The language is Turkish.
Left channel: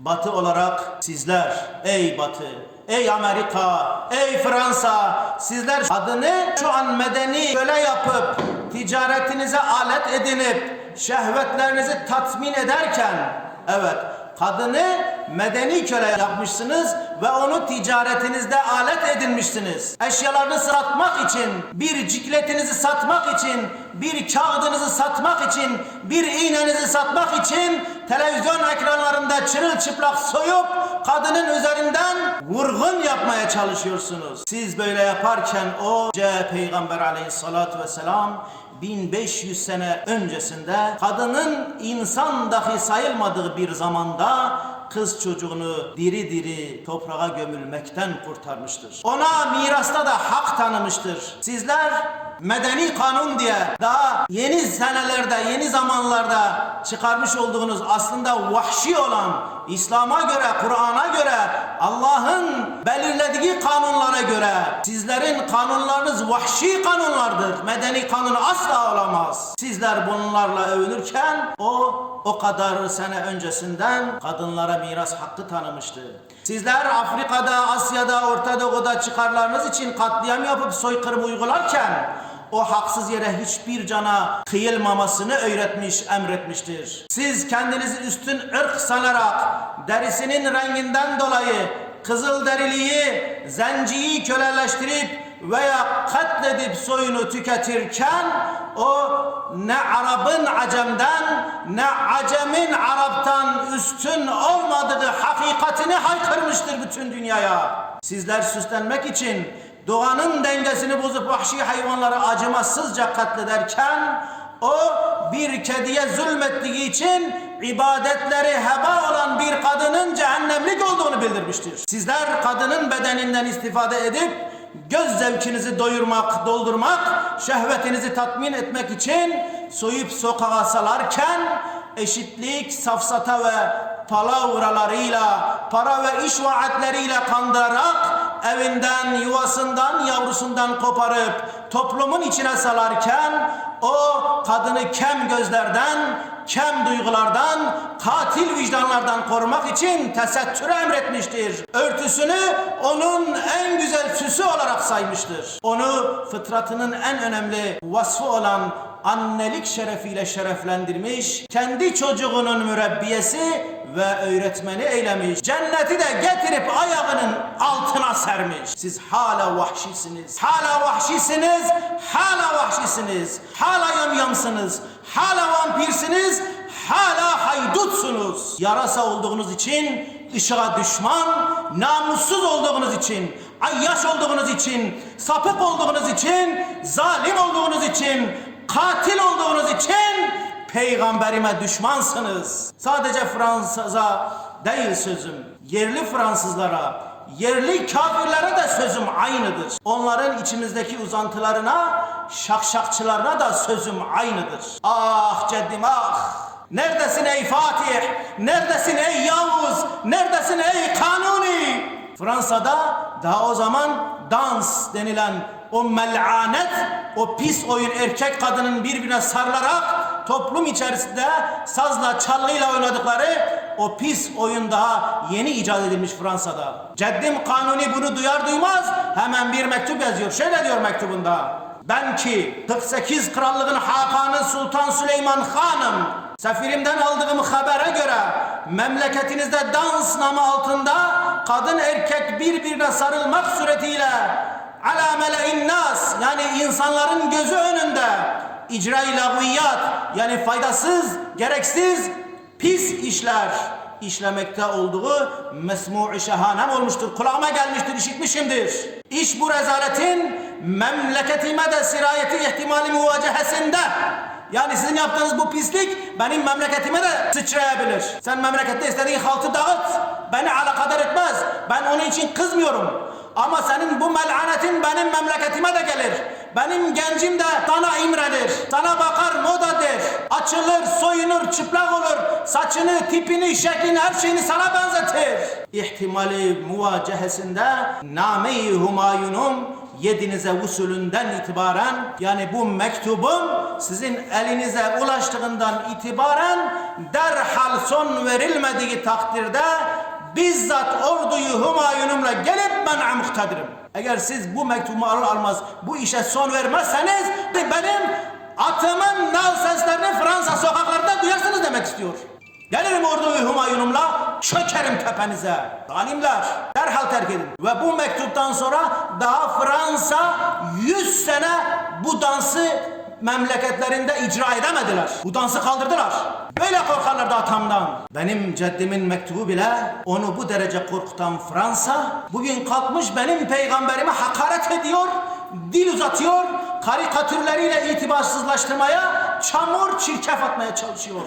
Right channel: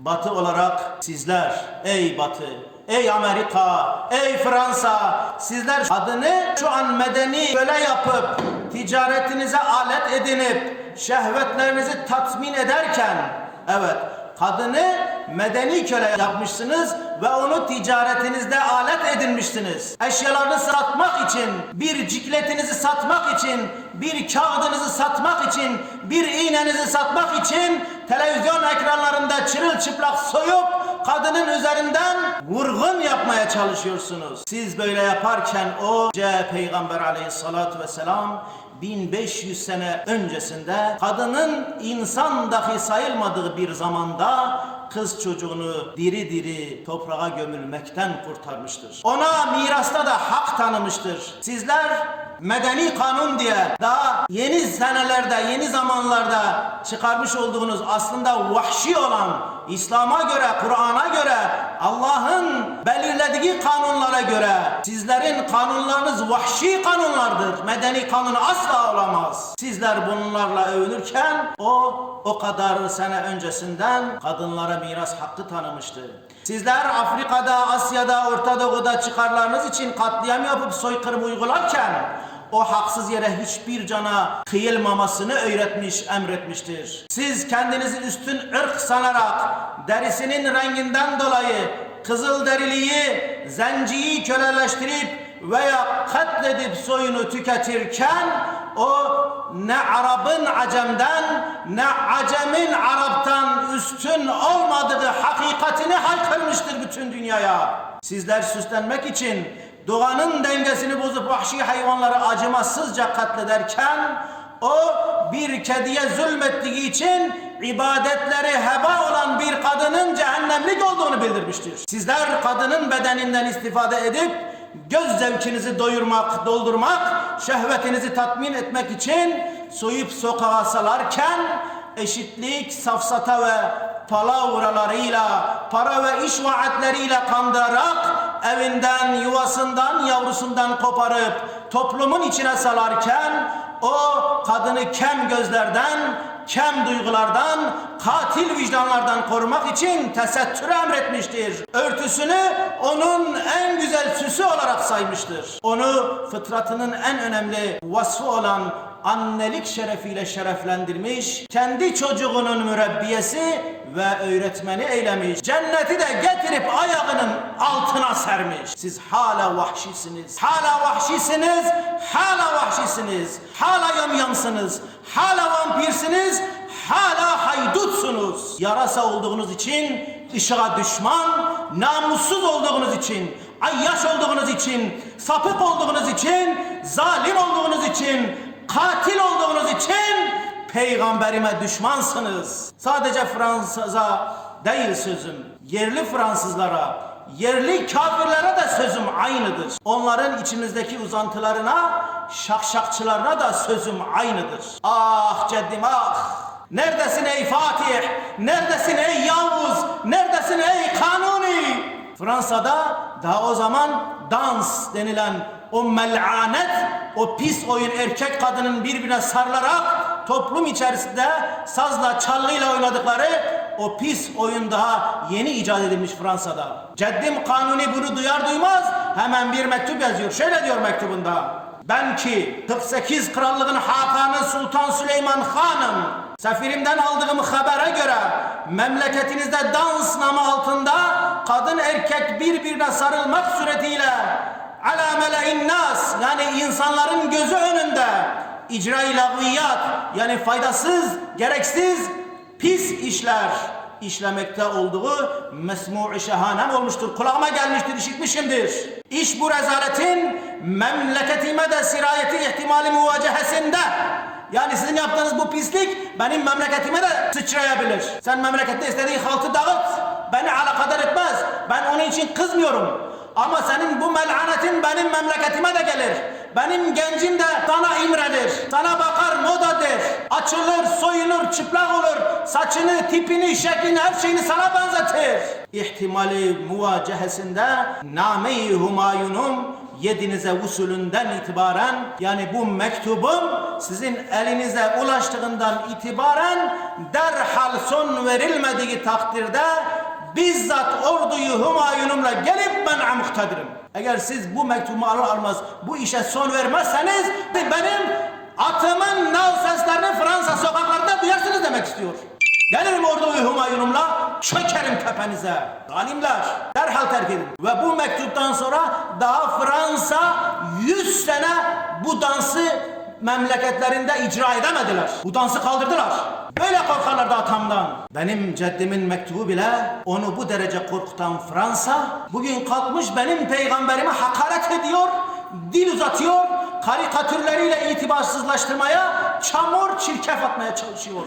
Batı olarak sizler ey Batı, ey Amerika, ey Fransa sizler adını şu an medeni köle yapıp ticaretinize alet edinip şehvetlerinizi tatmin ederken evet kadını medeni köle yapmışsınız ve onu ticaretinizde alet edinmişsiniz. Eşyalarını satmak için, bir cikletinizi satmak için, bir kağıdınızı satmak için, bir iğnenizi satmak için televizyon ekranlarında çırılçıplak soyup kadının üzerinden vurgun yapmaya çalışıyorsunuz. Siz böyle yaparken o C Peygamber aleyhissalatu vesselam 1500 sene öncesinde kadının insan dahi sayılmadığı bir zamanda kız çocuğunu diri diri toprağa gömülmekten kurtarmıştır. Ona mirasta da hak tanımıştır. Sizler medeni kanun diye daha yeni senelerde, yeni zamanlarda çıkarmış olduğunuz aslında vahşi olan İslam'a göre, Kur'an'a göre, Allah'ın belirlediği kanunlara göre sizlerin kanunlarınız vahşi kanunlardır. Medeni kanun asla olamaz. Sizler bunlarla övünürken o o kadar sene öncesinden kadınlara miras hakkı tanımıştı. Sizler Afrika'da, Asya'da, Orta Doğu'da çıkarlarınız için katliam yapıp soykırım uygularken o haksız yere hiçbir cana kıyılmamasını öğretmiş, emretmiştir. Siz kendinizi üstün ırk sanarak derisinin renginden dolayı kızıl deriliği, zenciyi köleleştirip veya katledip soyunu tüketirken o ne Arap'ın Acem'den ne Acem'in Arap'tan üstün olmadığı hakikatini haykırmıştır bütün dünyaya. Sizler süslenmek için doğanın dengesini bozup vahşi hayvanları acımasızca katlederken o bir kediye zulmettiği için ibadetleri heba olan bir kadının cehennemlik olduğunu bildirmiştir. Sizler kadının bedeninden istifade edip göz zevkinizi doyurmak, doldurmak, şehvetinizi tatmin etmek için soyup sokağa salarken eşitlik, safsata ve palavralarıyla, para ve iş vaatleriyle kandırarak evinden, yuvasından, yavrusundan koparıp toplumun içine salarken o kadını kem gözlerden, kem duygulardan, katil vicdanlardan korumak için tesettür emretmiştir. Örtüsünü onun en güzel süsü olarak saymıştır. Onu fıtratının en önemli vasfı olan annelik şerefiyle şereflendirmiş, kendi çocuğunun mürebbiyesi ve öğretmeni eylemiş. Cenneti de getirip ayağının altına sermiş. Siz hala vahşisiniz. Hala vahşisiniz. Hala vahşisiniz. Hala yamyamsınız. Hala vampirsiniz. Hala haydutsunuz. Yarasa olduğunuz için ışığa düşman, namussuz olduğunuz için, ayyaş olduğunuz için, sapık olduğunuz için, zalim olduğunuz için, katil olduğunuz için peygamberime düşmansınız. Sadece Fransız'a değil sözüm. Yerli Fransızlara, yerli kafirlere de sözüm aynıdır. Onların içimizdeki uzantılarına, şakşakçılarına da sözüm aynıdır. Ah ceddim ah! Neredesin ey Fatih? Neredesin ey Yavuz? Neredesin ey Kanuni? Fransa'da daha o zaman dans denilen o melanet, o pis oyun erkek kadının birbirine sarılarak toplum içerisinde sazla çalgıyla oynadıkları o pis oyun daha yeni icat edilmiş Fransa'da. Ceddim Kanuni bunu duyar duymaz hemen bir mektup yazıyor. Şöyle diyor mektubunda. Ben ki 48 krallığın Hakanı Sultan Süleyman Hanım Sefirimden aldığım habere göre memleketinizde dans namı altında kadın erkek birbirine sarılmak suretiyle ala mele'in nas yani insanların gözü önünde icra-i lagviyat yani faydasız, gereksiz, pis işler işlemekte olduğu mesmu-i şehanem olmuştur. Kulağıma gelmiştir, işitmişimdir. İş bu rezaletin memleketime de sirayeti ihtimali muvacehesinde yani sizin yaptığınız bu pislik benim memleketime de sıçrayabilir. Sen memlekette istediğin halkı dağıt. Beni alakadar etmez. Ben onun için kızmıyorum. Ama senin bu melanetin benim memleketime de gelir. Benim gencim de sana imrenir. Sana bakar moda der. Açılır, soyunur, çıplak olur. Saçını, tipini, şeklini, her şeyini sana benzetir. İhtimali muvacehesinde Name-i Humayun'um yedinize usulünden itibaren yani bu mektubun sizin elinize ulaştığından itibaren derhal son verilmediği takdirde bizzat orduyu Humayun'umla gelip ben muhtedirim. Eğer siz bu mektubu alır almaz bu işe son vermezseniz benim atımın nal seslerini Fransa sokaklarında duyarsınız demek istiyor. Gelirim orduyu Humayun'umla çökerim tepenize. Zalimler derhal terk edin. Ve bu mektuptan sonra daha Fransa 100 sene bu dansı memleketlerinde icra edemediler. Bu dansı kaldırdılar. Böyle korkarlardı atamdan. Benim ceddimin mektubu bile onu bu derece korkutan Fransa bugün kalkmış benim peygamberime hakaret ediyor, dil uzatıyor, karikatürleriyle itibarsızlaştırmaya, çamur çirkef atmaya çalışıyor.